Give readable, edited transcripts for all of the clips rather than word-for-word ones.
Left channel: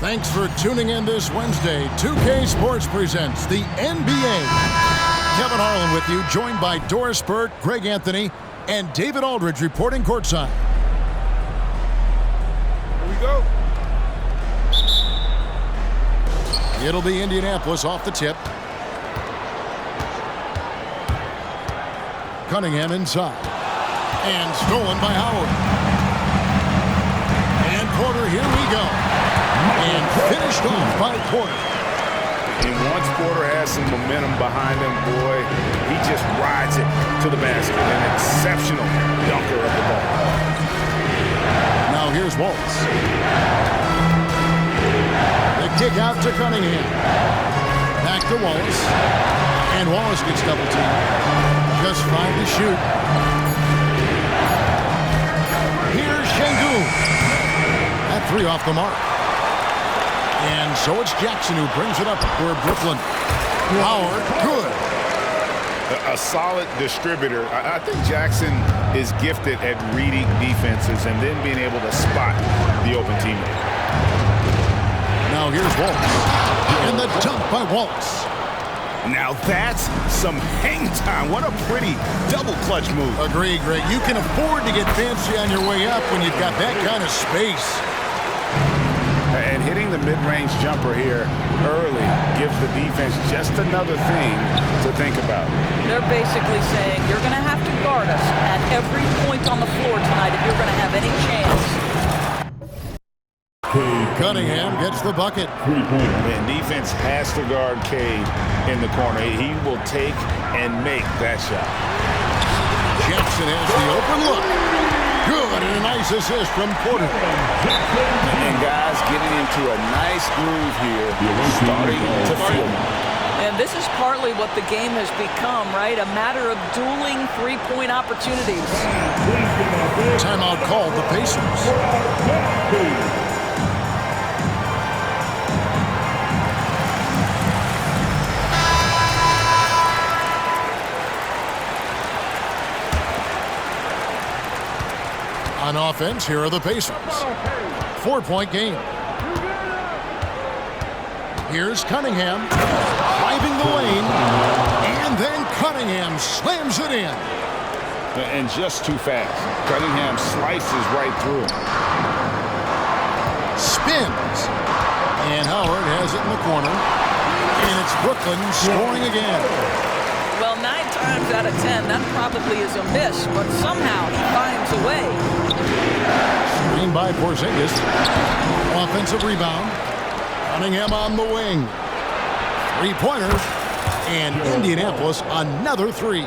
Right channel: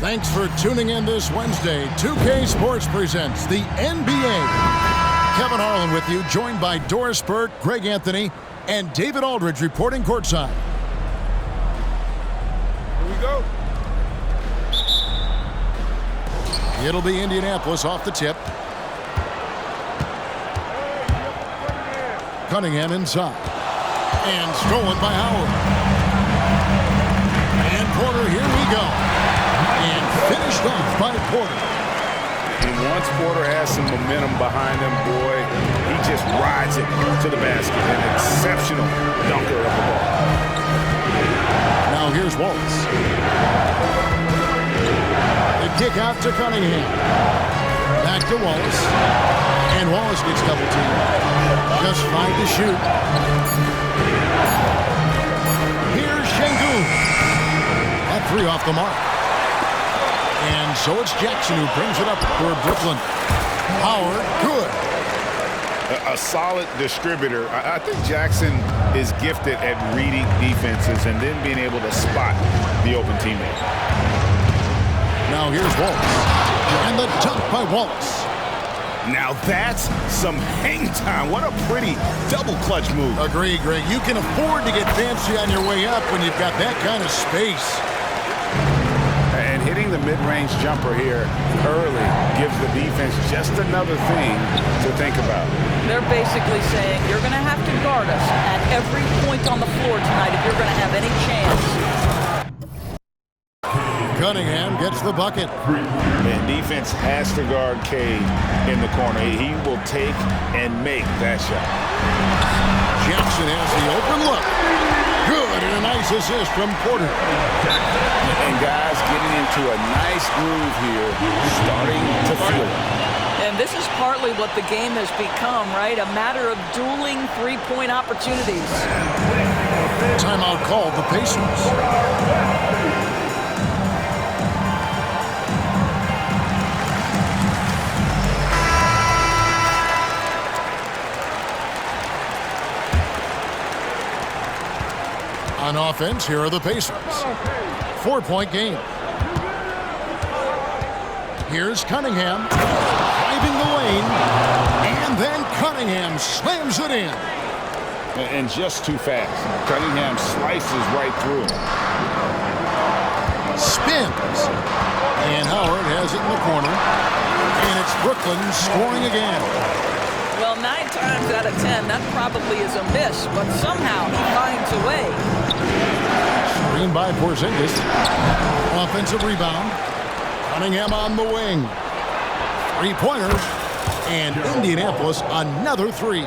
Thanks for tuning in this Wednesday. 2K Sports presents the NBA. Kevin Harlan with you, joined by Doris Burke, Greg Anthony, and David Aldridge reporting courtside. Here we go. It'll be Indianapolis off the tip. Cunningham inside. And stolen by Howard. And Porter, here we go. And finished off by Porter. And once Porter has some momentum behind him, boy, he just rides it to the basket. An exceptional dunker of the ball. Now here's Wallace. The kick out to Cunningham. Back to Wallace. And Wallace gets double teamed. Just 5 to shoot. Here's Şengün. That 3 off the mark. And so it's Jackson who brings it up for Brooklyn. Howard, good. A solid distributor. I think Jackson is gifted at reading defenses and then being able to spot the open teammate. Now here's Wallace. And the dunk by Wallace. Now that's some hang time. What a pretty double clutch move. Agree, Greg. You can afford to get fancy on your way up when you've got that kind of space. And hitting the mid-range jumper here early gives the defense just another thing to think about. They're basically saying you're going to have to guard us at every point on the floor tonight if you're going to have any chance. Cunningham gets the bucket. Man, defense has to guard Cade in the corner. He will take and make that shot. Jackson has the open look. Good, and a nice assist from Porter. And guys getting into a nice groove here, starting to feel it. And this is partly what the game has become, right? A matter of dueling three-point opportunities. Timeout called the Pacers. On offense, here are the Pacers. 4-point game. Here's Cunningham driving the lane, and then Cunningham slams it in. And just too fast. Cunningham slices right through him. Spins. And Howard has it in the corner. And it's Brooklyn scoring again. Well, 9 times out of 10, that probably is a miss, but somehow he finds a way. Screen by Porzingis. Offensive rebound. Cunningham on the wing. 3-pointer. And Indianapolis another 3.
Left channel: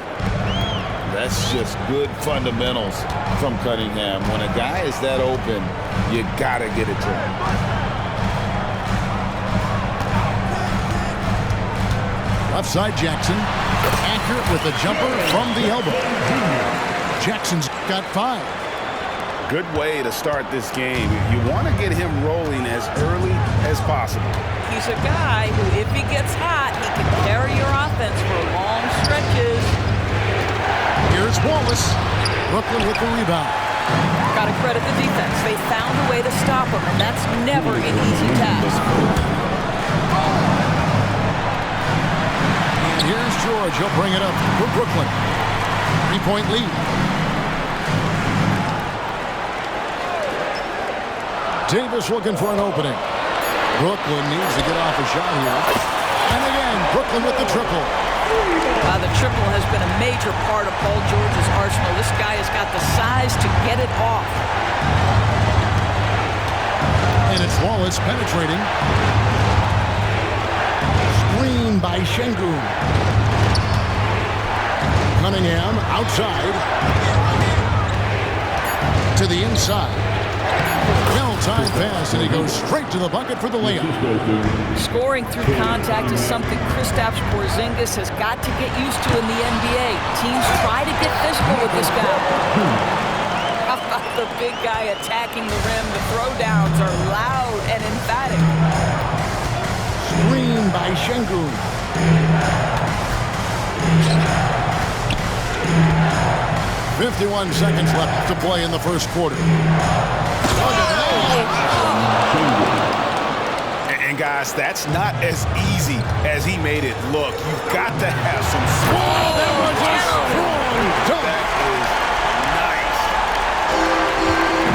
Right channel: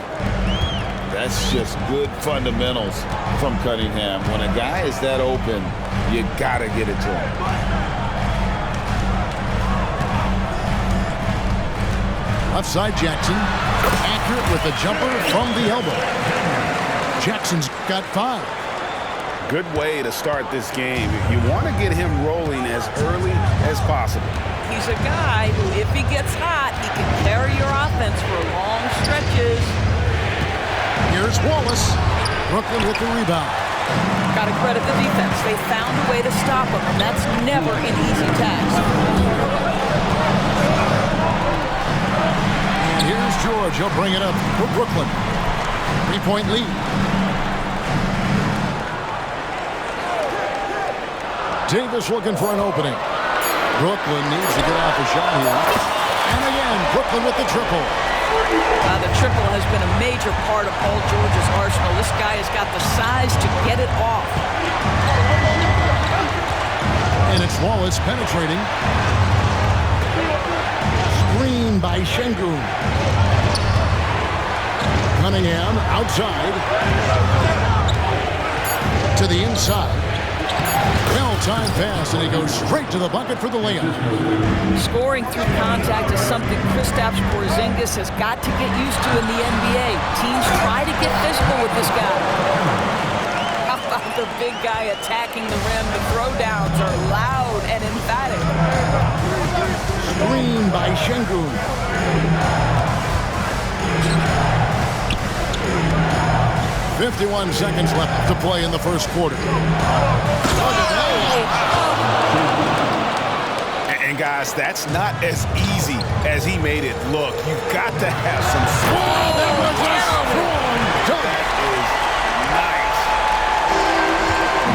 That's just good fundamentals from Cunningham. When a guy is that open, you got to get it to him. Left side Jackson. Accurate with the jumper from the elbow. Jackson's got 5. Good way to start this game. You want to get him rolling as early as possible. He's a guy who, if he gets hot, he can carry your offense for long stretches. Here's Wallace. Brooklyn with the rebound. Got to credit the defense. They found a way to stop him, and that's never an easy task. And here's George. He'll bring it up for Brooklyn. 3-point lead. Davis looking for an opening. Brooklyn needs to get off a shot here. And again, Brooklyn with the triple. The triple has been a major part of Paul George's arsenal. This guy has got the size to get it off. And it's Wallace penetrating. Screen by Şengün. Cunningham outside. To the inside. Well-timed pass, and he goes straight to the bucket for the layup. Scoring through contact is something Kristaps Porzingis has got to get used to in the NBA. Teams try to get physical with this guy. How about the big guy attacking the rim? The throwdowns are loud and emphatic. Screen by Şengün. 51 seconds left to play in the first quarter. And guys, that's not as easy as he made it look. You've got to have some Wow, that was a strong dunk. That is nice.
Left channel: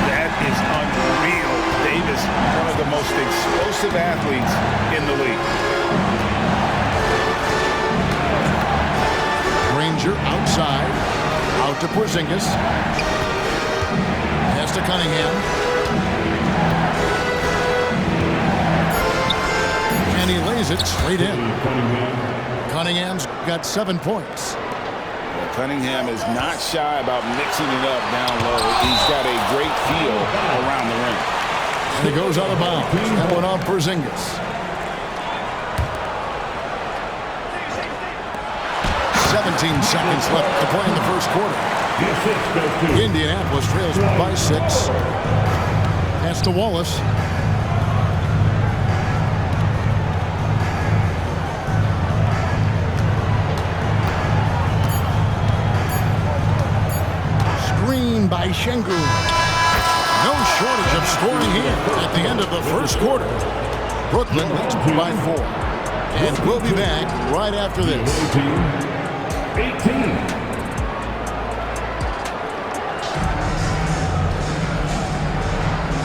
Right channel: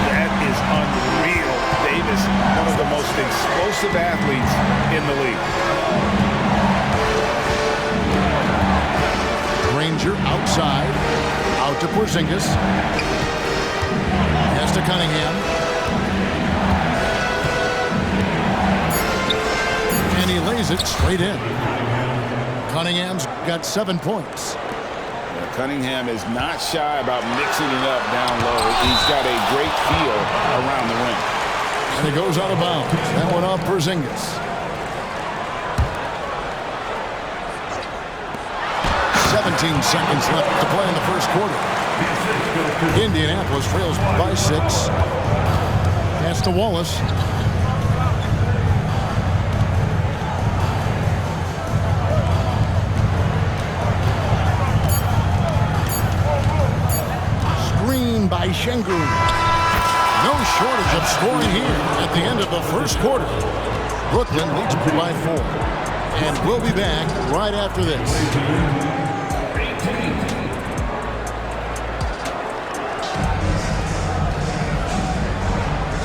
That is unreal. Davis, one of the most explosive athletes in the league. Granger outside. Out to Porzingis. Pass to Cunningham. And he lays it straight in. Cunningham's got 7 points. Well, Cunningham is not shy about mixing it up down low. He's got a great feel around the ring. And it goes out of bounds. That one off Porzingis. 17 seconds left to play in the first quarter. Indianapolis trails by 6. Pass to Wallace. Screen by Şengün. No shortage of scoring here at the end of the first quarter. Brooklyn leads by 4. And we'll be back right after this. 18.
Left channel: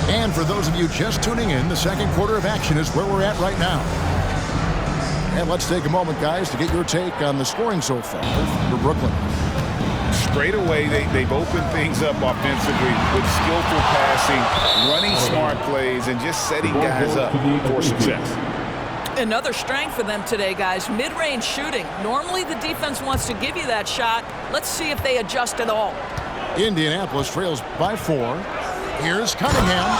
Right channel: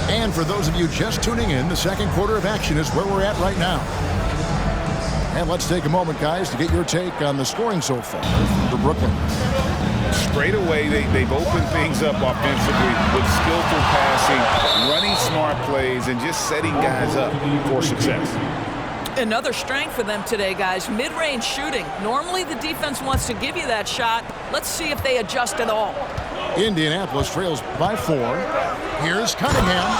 And for those of you just tuning in, the second quarter of action is where we're at right now. And let's take a moment, guys, to get your take on the scoring so far for Brooklyn. Straight away, they've opened things up offensively with skillful passing, running smart plays, and just setting guys up for success. Another strength for them today, guys. Mid-range shooting. Normally the defense wants to give you that shot. Let's see if they adjust at all. Indianapolis trails by 4. Here's Cunningham.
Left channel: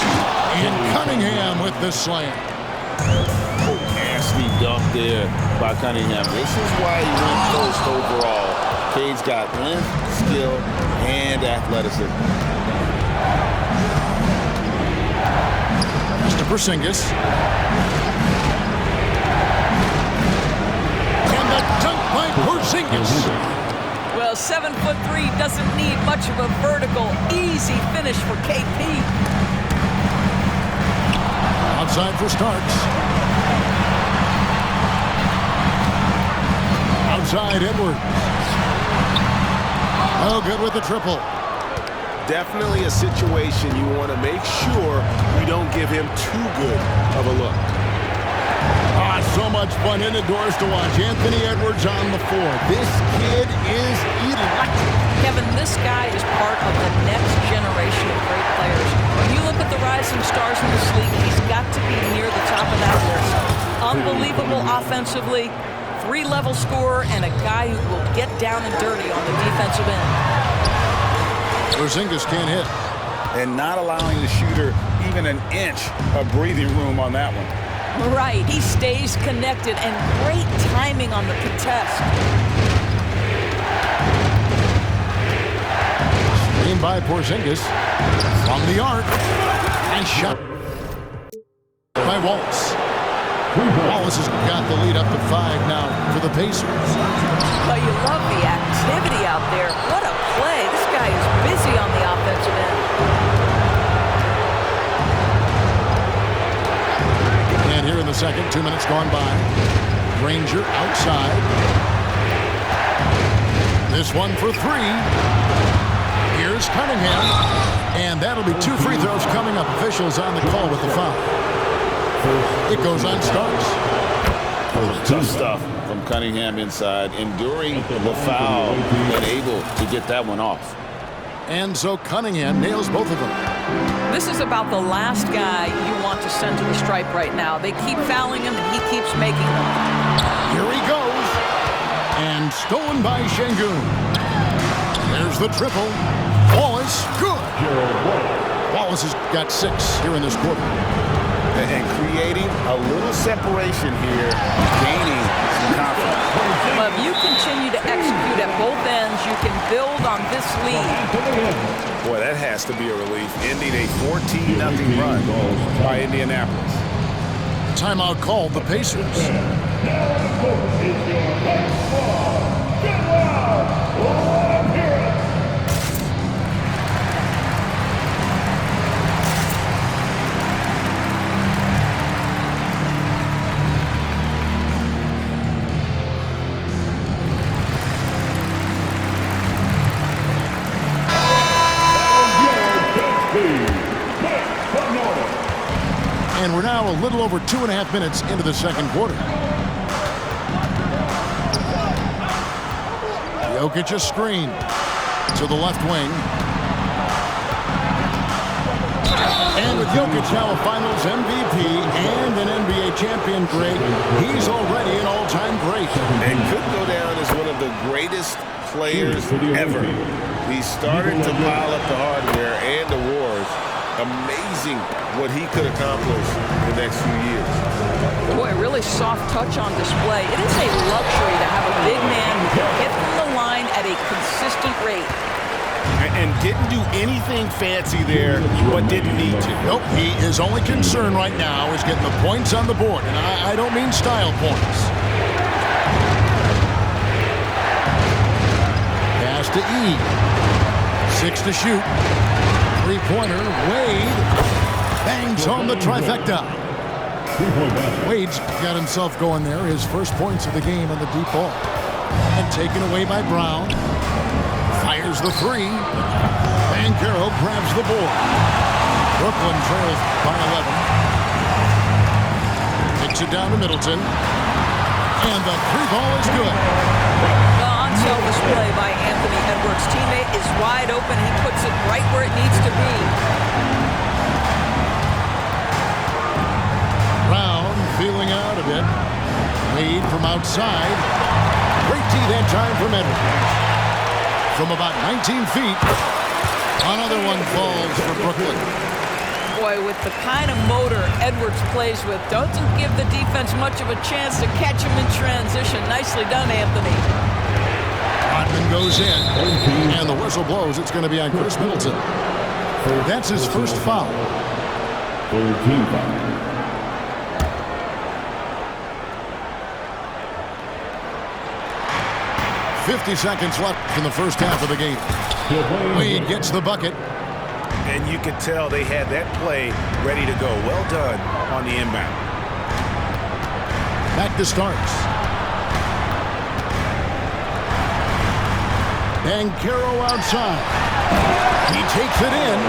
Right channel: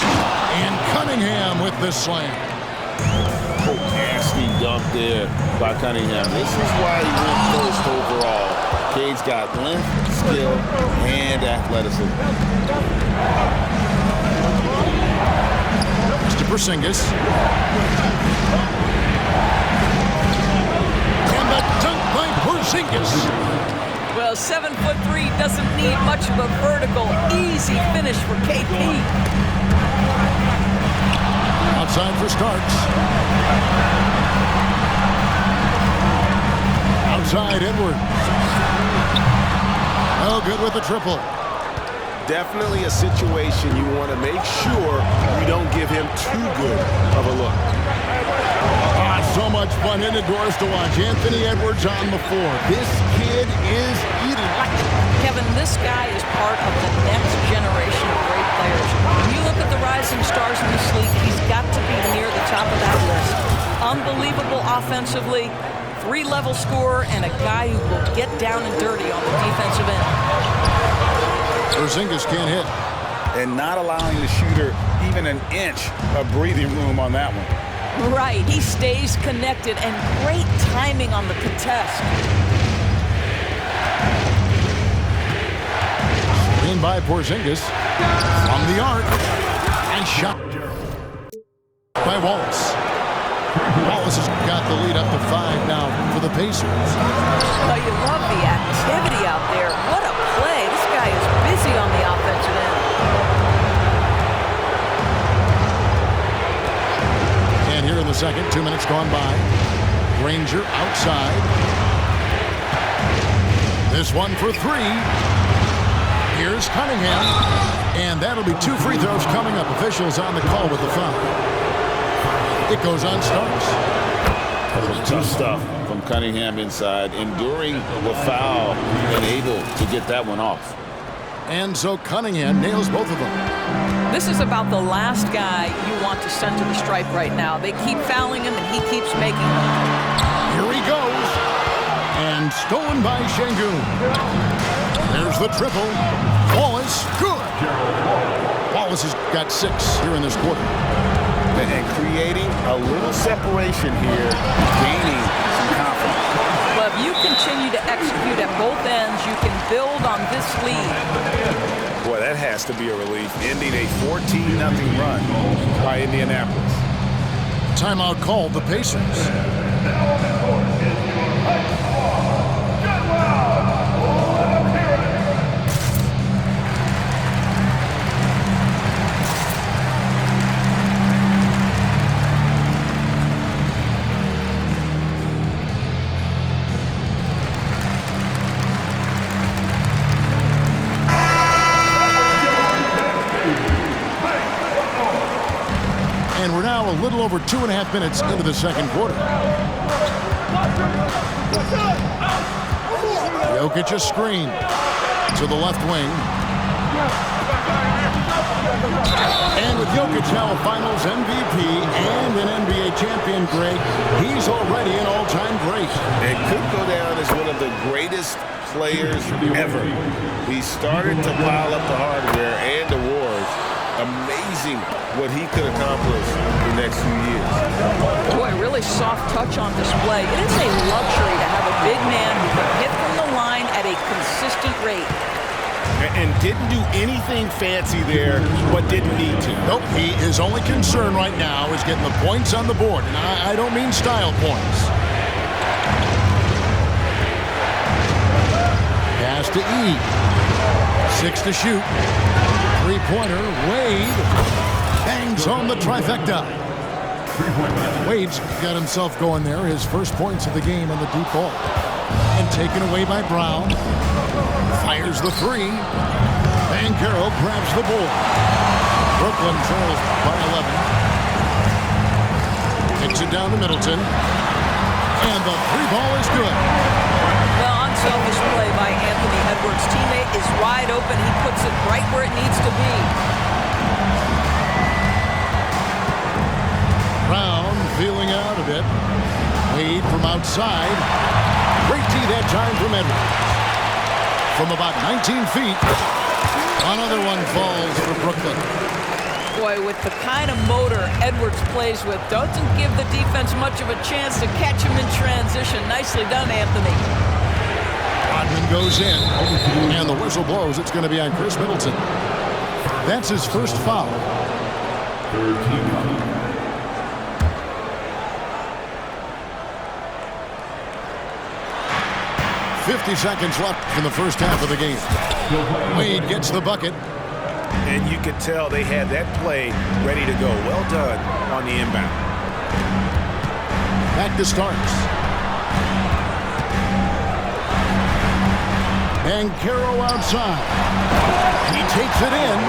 And Cunningham with the slam. Oh, nasty dunk there by Cunningham. This is why he went first overall. Cade's got length, skill, and athleticism. Mr. Porzingis. And the dunk by Porzingis. Well, 7'3" doesn't need much of a vertical, easy finish for KP. Outside for Starks. Outside Edwards. Oh, good with the triple. Definitely a situation you want to make sure you don't give him too good of a look. Ah, so much fun indoors to watch. Anthony Edwards on the floor. This kid is electric. Kevin, this guy is part of the next generation of great players. When you look at the rising stars in this league, he's got to be near the top of that list. Unbelievable offensively, 3-level scorer, and a guy who will get down and dirty on the defensive end. Porzingis can't hit. And not allowing the shooter even an inch of breathing room on that one. Right, he stays connected, and great timing on the contest. Screen by Porzingis. From the arc. Nice shot by Wallace. Wallace has got the lead up to 5 now for the Pacers. Well, you love the activity out there. What a play. This guy is busy on the offensive end. And here in the second, 2 minutes gone by. Granger outside. This one for 3. Here's Cunningham. And that'll be 2 free throws coming up. Officials on the call with the foul. It goes on Starks. Tough stuff from Cunningham inside, enduring the foul and able to get that one off. And so Cunningham nails both of them. This is about the last guy you want to send to the stripe right now. They keep fouling him, and he keeps making them. Here he goes. And stolen by Şengün. There's the triple. Wallace, good. Wallace has got 6 here in this quarter. And creating a little separation here, gaining some confidence. Well, if you continue to execute at both ends, you can build on this lead. Boy, that has to be a relief, ending a 14-0 run by Indianapolis. Timeout called the Pacers. And we're now a little over 2.5 minutes into the second quarter. Jokic a screen to the left wing. And with Jokic now a Finals MVP and an NBA champion, Greg, he's already an all-time great. And could go down as one of the greatest players ever. He started to pile up the hardware and awards. Amazing what he could accomplish the next few years. Boy, really soft touch on display. It is a luxury to have a big man who can hit from the line at a consistent rate. And didn't do anything fancy there, but didn't need to. Nope, his only concern right now is getting the points on the board, and I don't mean style points. Pass to E. 6 to shoot. Three-pointer, Wade bangs home the trifecta. Wade's got himself going there, his first points of the game on the deep ball. And taken away by Brown. Fires the three. Banchero grabs the board. Brooklyn trails by 11. Takes it down to Middleton. And the three ball is good. Well, unselfish play by Anthony Edwards. Teammate is wide open. He puts it right where it needs to be. Brown feeling out a bit. Wade from outside. Great D that time from Edwards. From about 19 feet. Another one falls for Brooklyn. Boy, with the kind of motor Edwards plays with, doesn't give the defense much of a chance to catch him in transition. Nicely done, Anthony. Rodman goes in, and the whistle blows. It's going to be on Chris Middleton. That's his first foul. Third team foul. .50 seconds left in the first half of the game. Wade gets the bucket. And you could tell they had that play ready to go. Well done on the inbound. Back to Starks. Banchero outside. He takes it in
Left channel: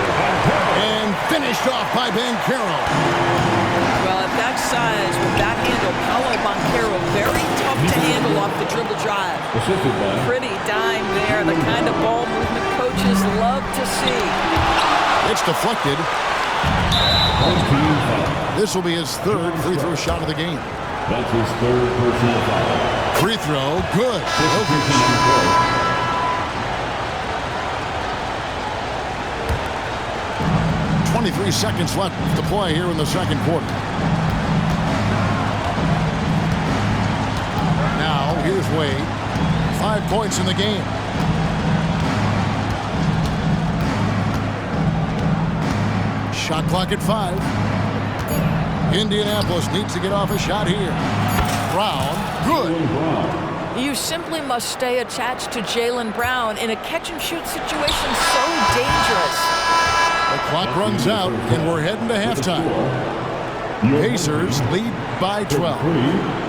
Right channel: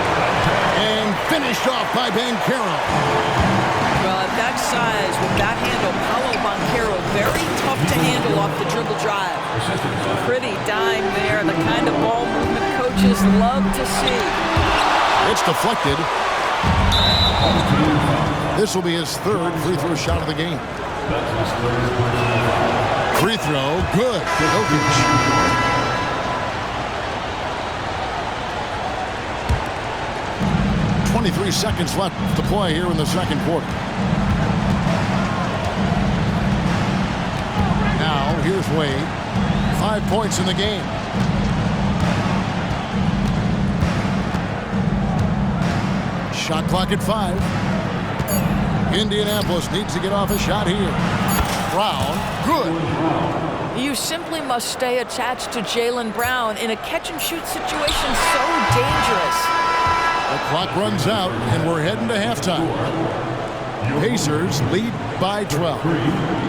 and finished off by Banchero. Well, at that size, with that handle, Paolo Banchero, very tough to handle off the dribble drive. Pretty dime there, the kind of ball movement coaches love to see. It's deflected. This will be his third free throw shot of the game. That's his third personal foul. Free throw, good. Jokic. 23 seconds left to play here in the second quarter. Now, here's Wade. 5 points in the game. Shot clock at 5. Indianapolis needs to get off a shot here. Brown, good. You simply must stay attached to Jaylen Brown in a catch-and-shoot situation so dangerous. The clock runs out, and we're heading to halftime. Pacers lead by 12.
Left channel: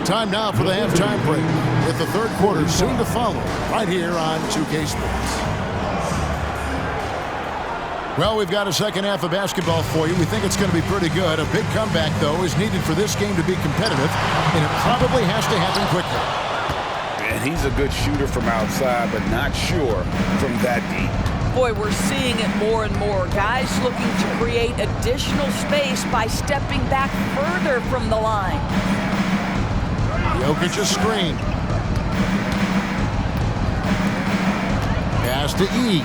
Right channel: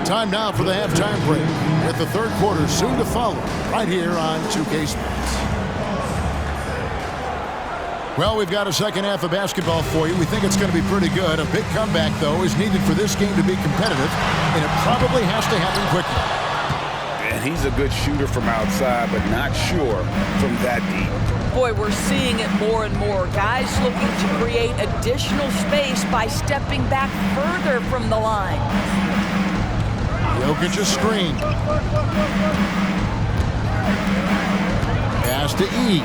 Time now for the halftime break, with the third quarter soon to follow, right here on 2K Sports. Well, we've got a second half of basketball for you. We think it's going to be pretty good. A big comeback, though, is needed for this game to be competitive, and it probably has to happen quickly. And he's a good shooter from outside, but not sure from that deep. Boy, we're seeing it more and more. Guys looking to create additional space by stepping back further from the line. Jokic a screen. Pass to E.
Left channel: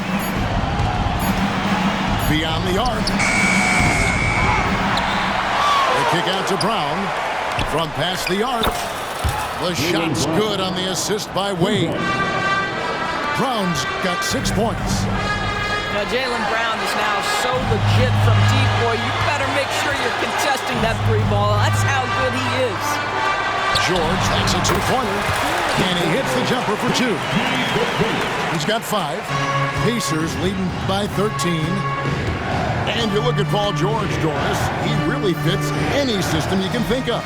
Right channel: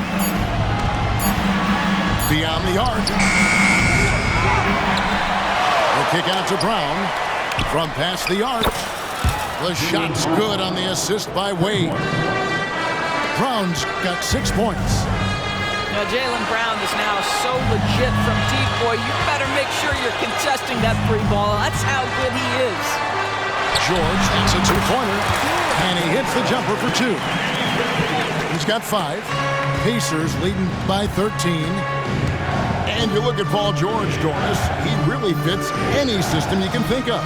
Beyond the arc. The kick out to Brown. From past the arc. The shot's good on the assist by Wade. Brown's got 6 points. Now, Jaylen Brown is now so legit from deep, boy. You better make sure you're contesting that three ball. That's how good he is. George, that's a two-pointer. And he hits the jumper for 2. He's got 5. Pacers leading by 13. And you look at Paul George, Doris. He really fits any system you can think of.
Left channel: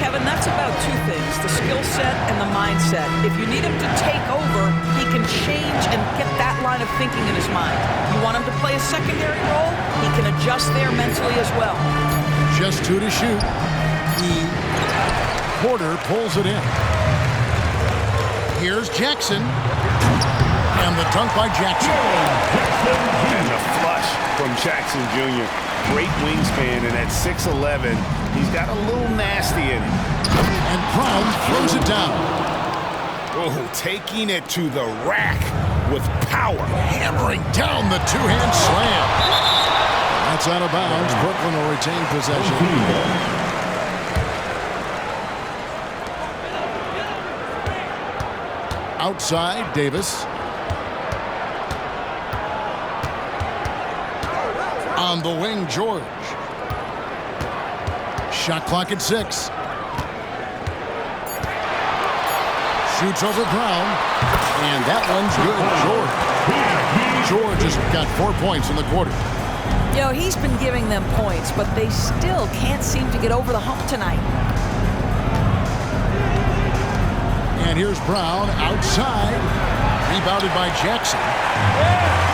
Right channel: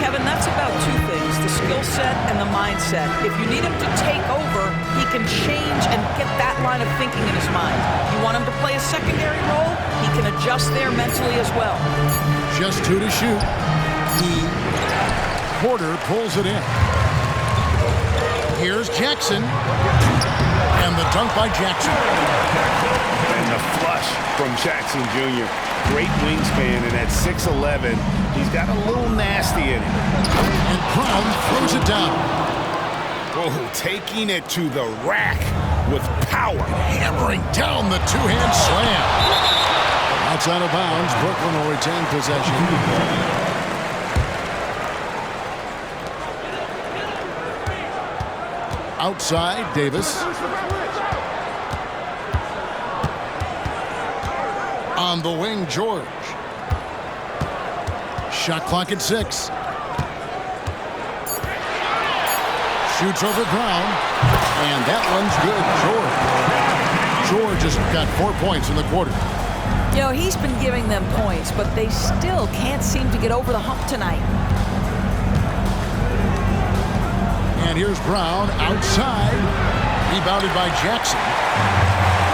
Kevin, that's about 2 things, the skill set and the mindset. If you need him to take over, he can change and get that line of thinking in his mind. You want him to play a secondary role, he can adjust there mentally as well. Just 2 to shoot. Porter pulls it in. Here's Jackson. And the dunk by Jackson. And the flush from Jackson Jr. Great wingspan, and at 6'11", he's got a little nasty in him. And Brown throws it down. Oh, taking it to the rack with power. Hammering down the two-hand slam. And that's out of bounds. Brooklyn will retain possession. Outside, Davis. On the wing, George. Shot clock at 6. Shoots over Brown. And that one's good. George has got 4 points in the quarter. You know, he's been giving them points, but they still can't seem to get over the hump tonight. And here's Brown outside. Rebounded by Jackson.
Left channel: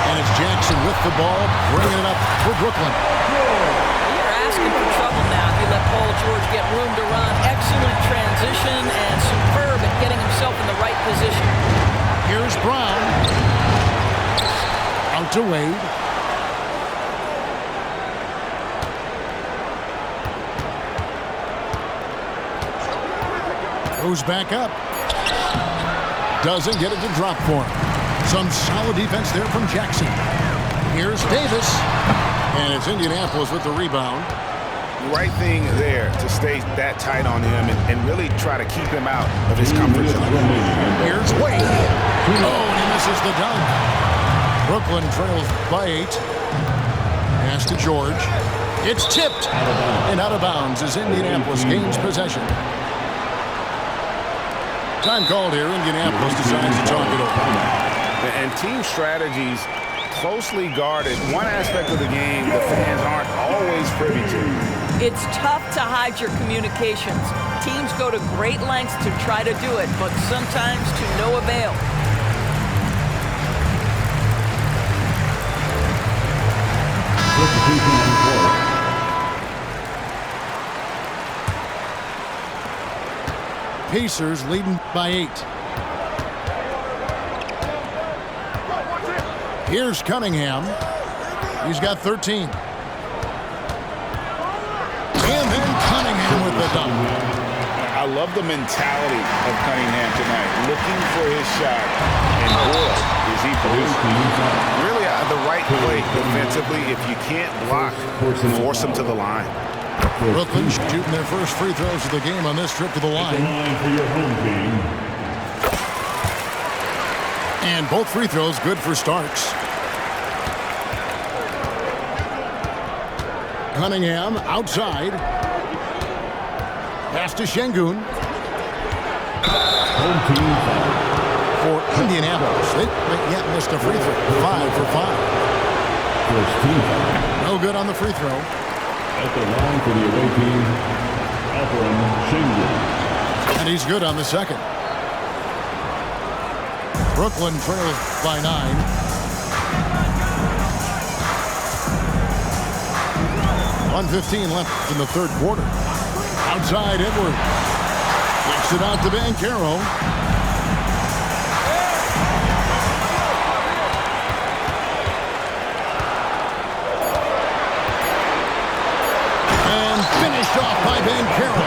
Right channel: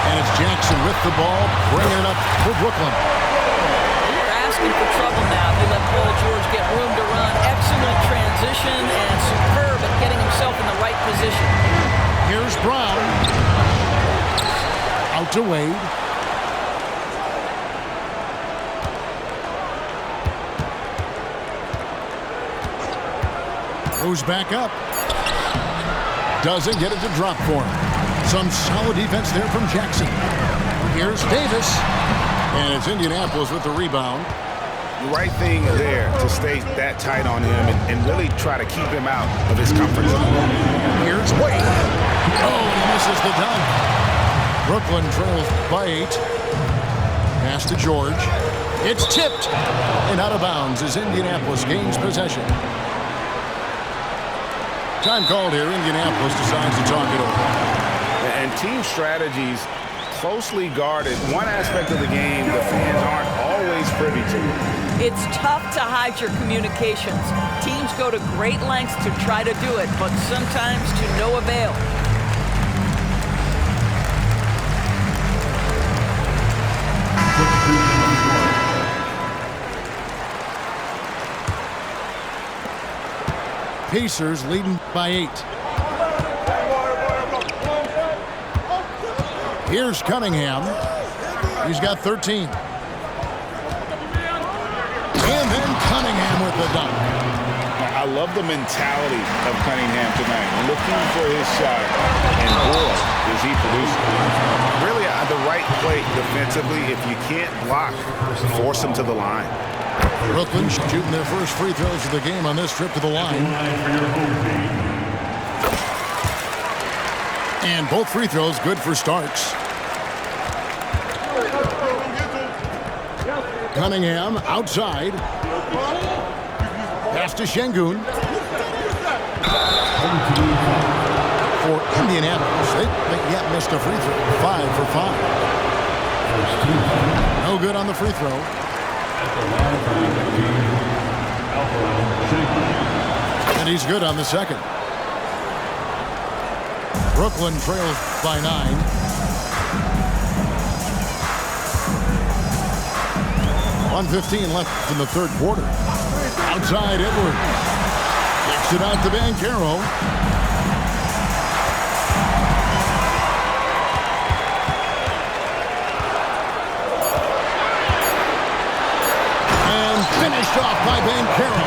And it's Jackson with the ball, bringing it up for Brooklyn. You're asking for trouble now if you let Paul George get room to run. Excellent transition and superb at getting himself in the right position. Here's Brown. Out to Wade. Goes back up. Doesn't get it to drop for him. Some solid defense there from Jackson. Here's Davis. And it's Indianapolis with the rebound. The right thing there to stay that tight on him and really try to keep him out of his comfort zone. Here's Wade. Oh, and he misses the dunk. Brooklyn trails by 8. Pass to George. It's tipped. And out of bounds as Indianapolis gains possession. Time called here. Indianapolis decides to talk it over. And team strategies closely guarded. One aspect of the game the fans aren't always privy to. It's tough to hide your communications. Teams go to great lengths to try to do it, but sometimes to no avail. Pacers leading by 8. Here's Cunningham. He's got 13. And then Cunningham with the dunk. I love the mentality of Cunningham tonight, looking for his shot, and boy, is he producing. Really, the right play defensively. If you can't block, force him to the line. Brooklyn shooting their first free throws of the game on this trip to the line. For your home team. And both free throws good for Starks. Cunningham outside. Pass to Şengün. For Indianapolis, they yet missed a free throw. 5 for 5. First team foul. No good on the free throw. At the line for the away team, Alperen Şengün. And he's good on the second. Brooklyn trails by 9. .115 left in the third quarter. Outside Edwards. Kicks it out to Banchero. And finished off by Banchero.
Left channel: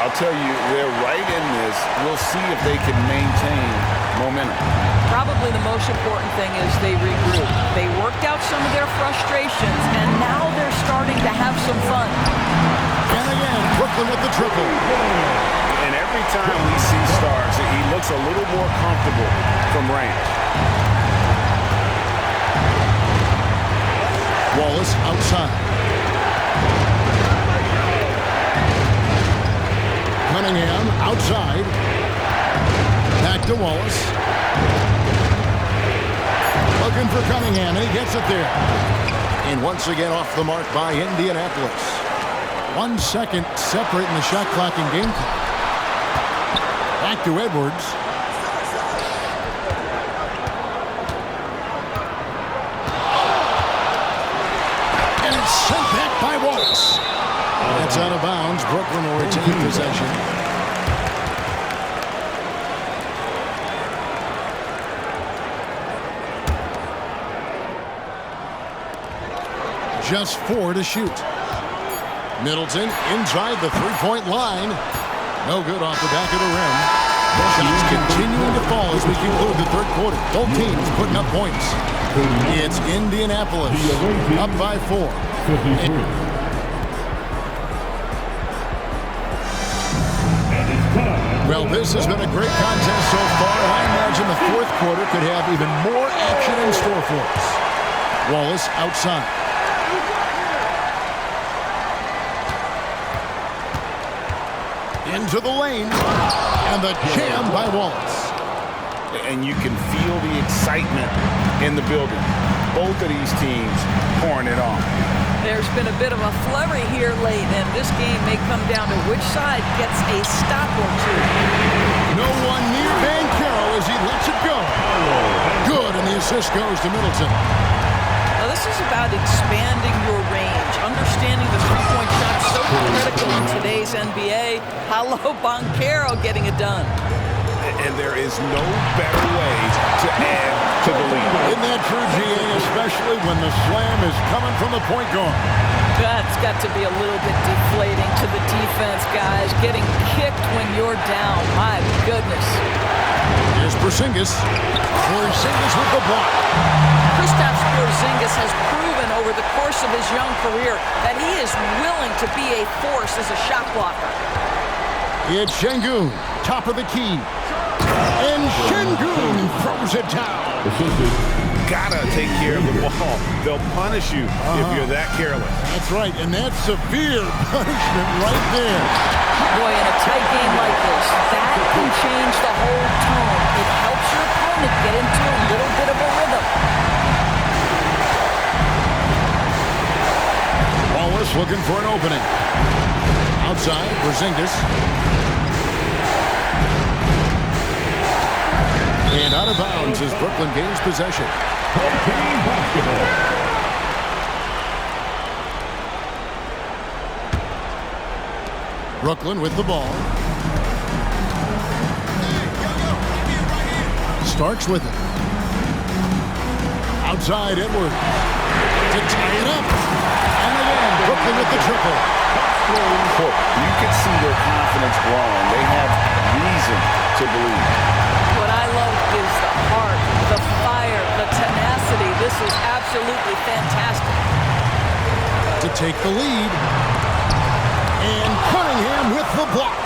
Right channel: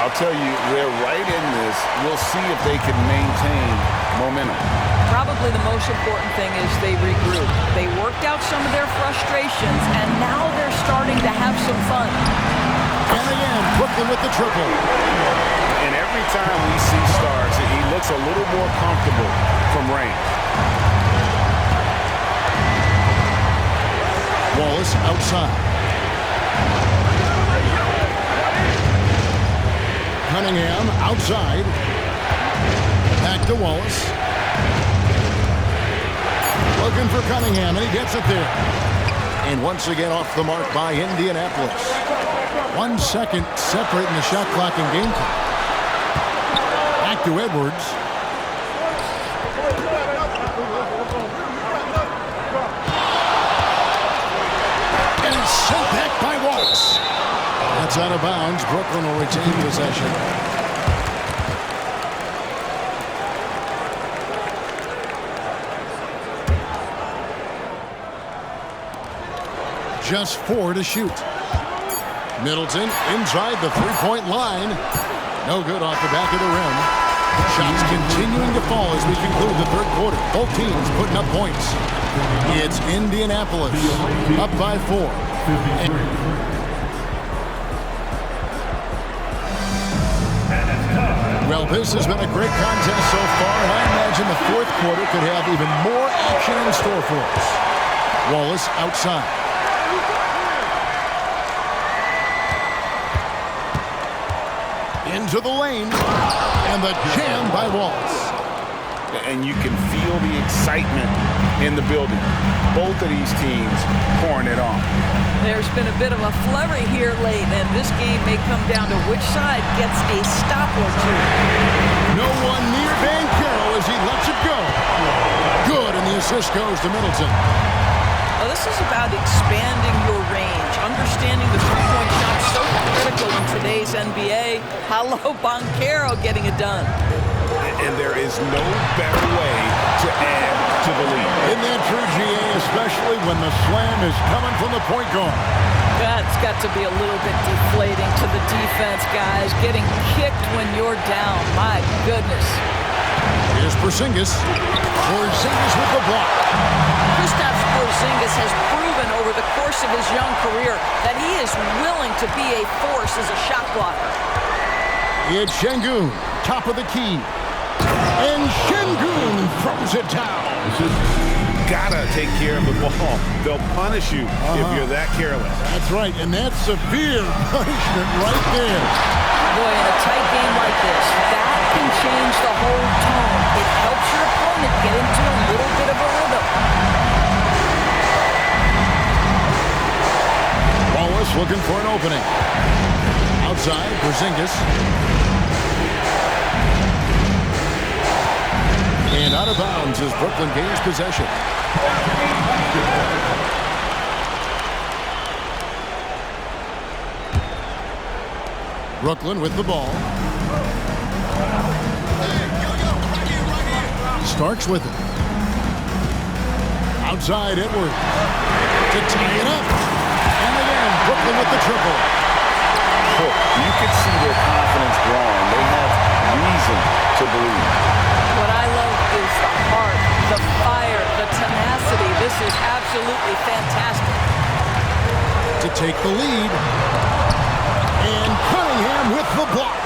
I'll tell you, they're right in this. We'll see if they can maintain momentum. Probably the most important thing is they regroup. They worked out some of their frustrations, and now they're starting to have some fun. And again, Brooklyn with the triple. And every time we see Starks, he looks a little more comfortable from range. Wallace outside. Cunningham outside. Back to Wallace. Looking for Cunningham, and he gets it there. And once again off the mark by Indianapolis. 1 second separating the shot clock and game clock. Back to Edwards. And it's sent back by Wallace. That's out of bounds. Brooklyn will retain possession. Just 4 to shoot. Middleton inside the three-point line. No good off the back of the rim. Shots continuing to fall as we conclude the third quarter. Both teams putting up points. It's Indianapolis up by 4. Well, this has been a great contest so far. I imagine the fourth quarter could have even more action in store for us. Wallace outside. Into the lane, and the jam by Wallace. And you can feel the excitement in the building. Both of these teams pouring it on. There's been a bit of a flurry here late, and this game may come down to which side gets a stop or two. No one near Banchero as he lets it go. Good, and the assist goes to Middleton. Well, this is about expanding your range, understanding the three-point shot so critical in today's NBA. Paolo Banchero getting it done. And there is no better way to add to the lead. Isn't that true, GA, especially when the slam is coming from the point guard? That's got to be a little bit deflating to the defense, guys. Getting kicked when you're down. My goodness. Here's Porzingis. Porzingis with the block. Kristaps Porzingis has proven over the course of his young career that he is willing to be a force as a shot blocker. It's Şengün, top of the key. And Şengün throws it down. Gotta take care of the ball. They'll punish you if you're that careless. That's right, and that's severe punishment right there. Boy, in a tight game like this, that can change the whole tone. It helps your opponent get into a little bit of a rhythm. Wallace looking for an opening. Outside, Porzingis. And out of bounds as Brooklyn gains possession. Brooklyn with the ball. Starks with it. Outside, Edwards. To tie it up. And again, Brooklyn with the triple. You can see their confidence growing. They have reason to believe. What I love is the heart, the fire, the tenacity. This is absolutely fantastic. To take the lead. And Cunningham with the block.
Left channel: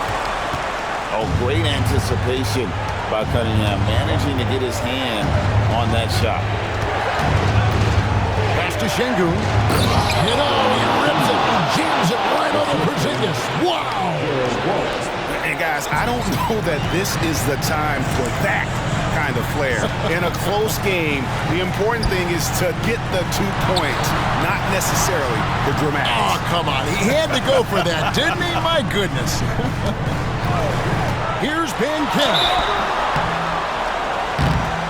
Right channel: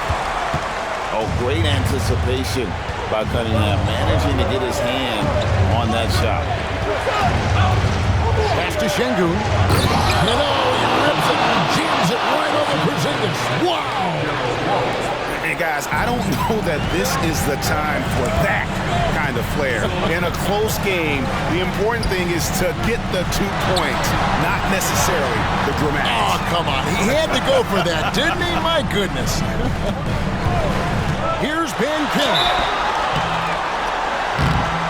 Oh, great anticipation by Cunningham, managing to get his hand on that shot. Pass to Şengün. You know, he rips it and jams it right over Porzingis. Wow! And guys, I don't know that this is the time for that kind of flair. In a close game, the important thing is to get the 2 points, not necessarily the dramatics. Oh, come on. He had to go for that, didn't he? My goodness. Here's Banchero.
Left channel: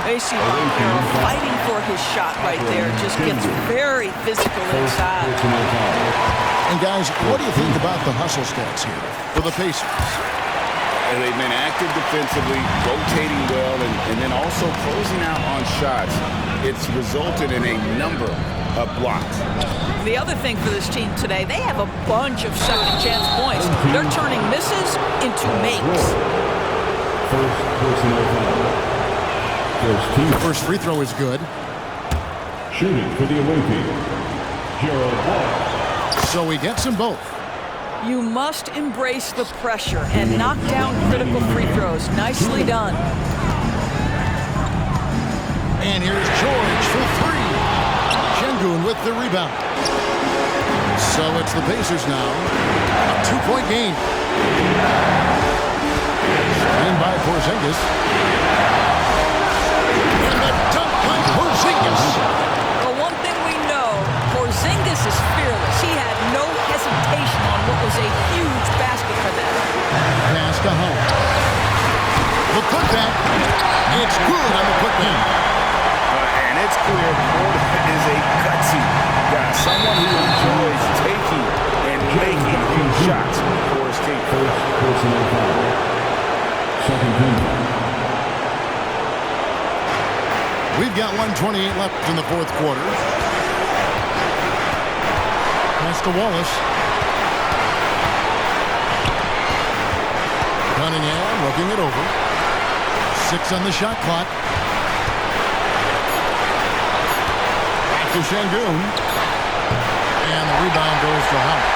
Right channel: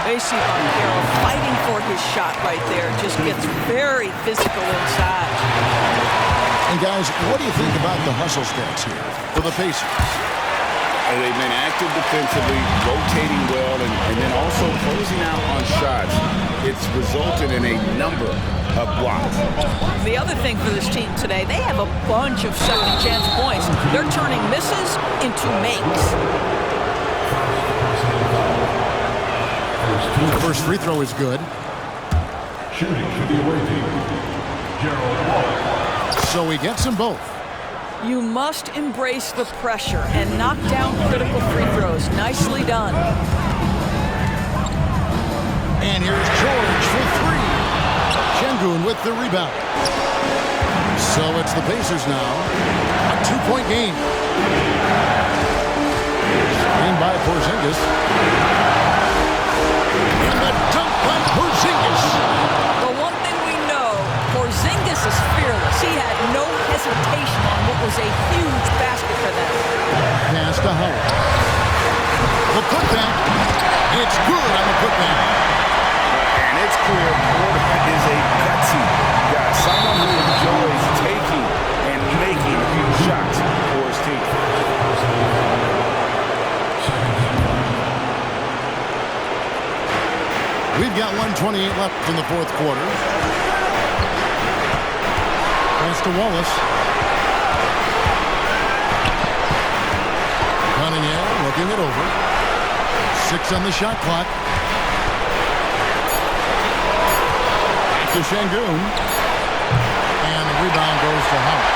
They see Banchero fighting for his shot right there. Just gets very physical inside. And guys, what do you think about the hustle stats here for the Pacers? They've been active defensively, rotating well, and then also closing out on shots. It's resulted in a number of blocks. The other thing for this team today, they have a bunch of second chance points. They're turning misses into makes. First personal foul. The first free throw is good. Shooting for the away team, Gerald Wallace. So he gets them both. You must embrace the pressure and knock down critical free throws. Nicely done. And here's George for 3. Şengün with the rebound. So it's the Pacers now. A 2-point game. Screen by Porzingis. And the dunk by Porzingis. Well, one thing we know, Porzingis is fearless. He had no hesitation on what was a huge basket for them. Pass to Howard. The putback. It's good on the putback. And it's clear Porter is a gutsy guy, someone who enjoys taking and making huge shots for his team. First personal foul. Second team foul. We've got 1:28 left in the fourth quarter. Pass to Wallace. Cunningham looking it over. 6 on the shot clock. Back to Şengün. And the rebound goes to Howard.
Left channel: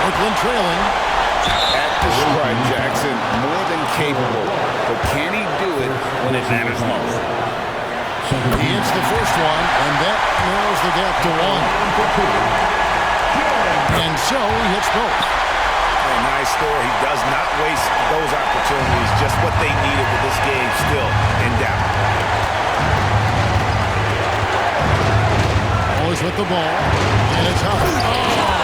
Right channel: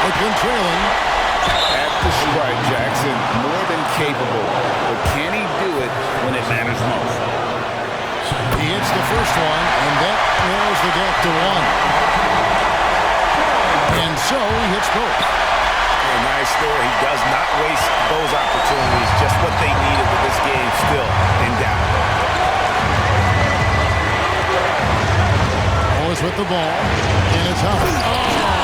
Brooklyn trailing. At the stripe, Jackson more than capable, but can he do it when it matters most? He hits the first one, and that narrows the gap to 1. And so he hits both. And nice there. He does not waste those opportunities. Just what they needed with this game still in doubt. Always with the ball, and it's up. Oh!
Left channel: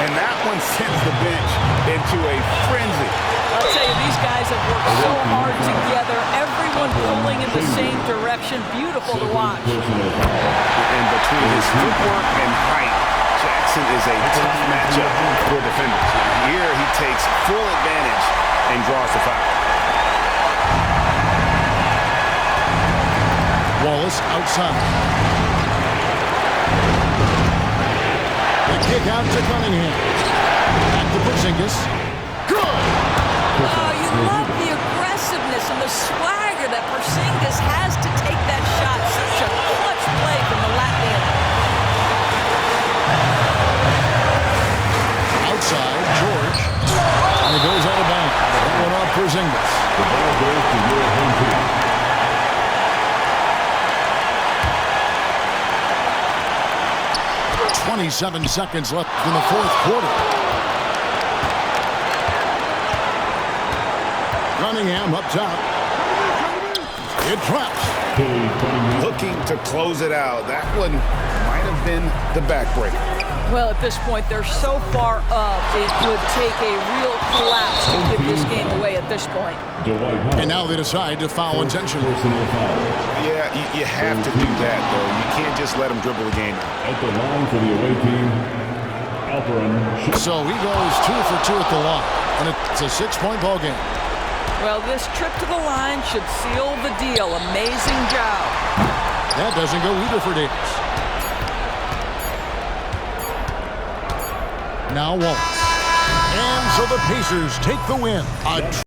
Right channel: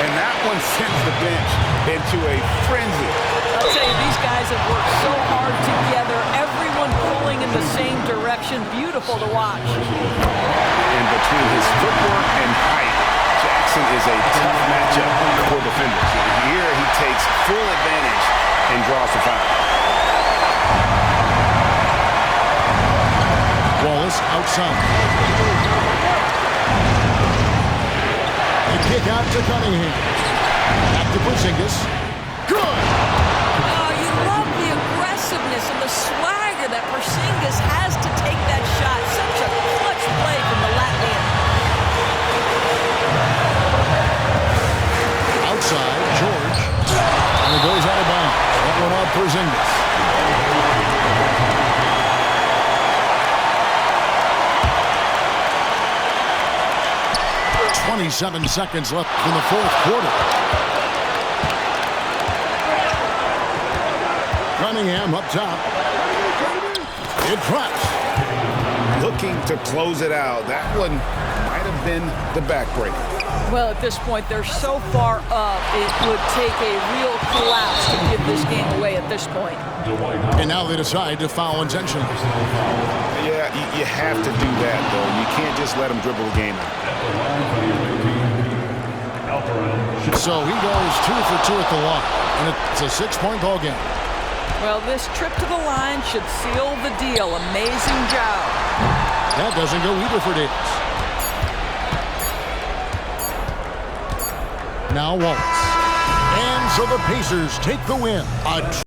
And that one sends the bench into a frenzy. I'll tell you, these guys have worked so hard together. Everyone pulling in the same direction. Beautiful to watch. And between his footwork and height, Jackson is a tough matchup for defenders. Here he takes full advantage and draws the foul. Wallace outside. The kick out to Cunningham. Back to Porzingis. Good! Oh, you love the aggressiveness and the swagger that Porzingis has to take that shot. Such a clutch play from the Latvian. Outside, George. And it goes out of bounds. That one off Porzingis. The ball goes to your home team. 27 seconds left in the fourth quarter. Cunningham up top. It drops. Looking to close it out. That one might have been the backbreaker. Well, at this point, they're so far up, it would take a real collapse to give this game away at this point. And now they decide to foul intentionally. Yeah, you have to do that, though. You can't just let them dribble the game out. At the line for the away team, Alperin. So he goes 2 for 2 at the line, and it's a 6-point ball game. Well, this trip to the line should seal the deal. Amazing job. That doesn't go either for Davis. Now Wallace. And so the Pacers take the win.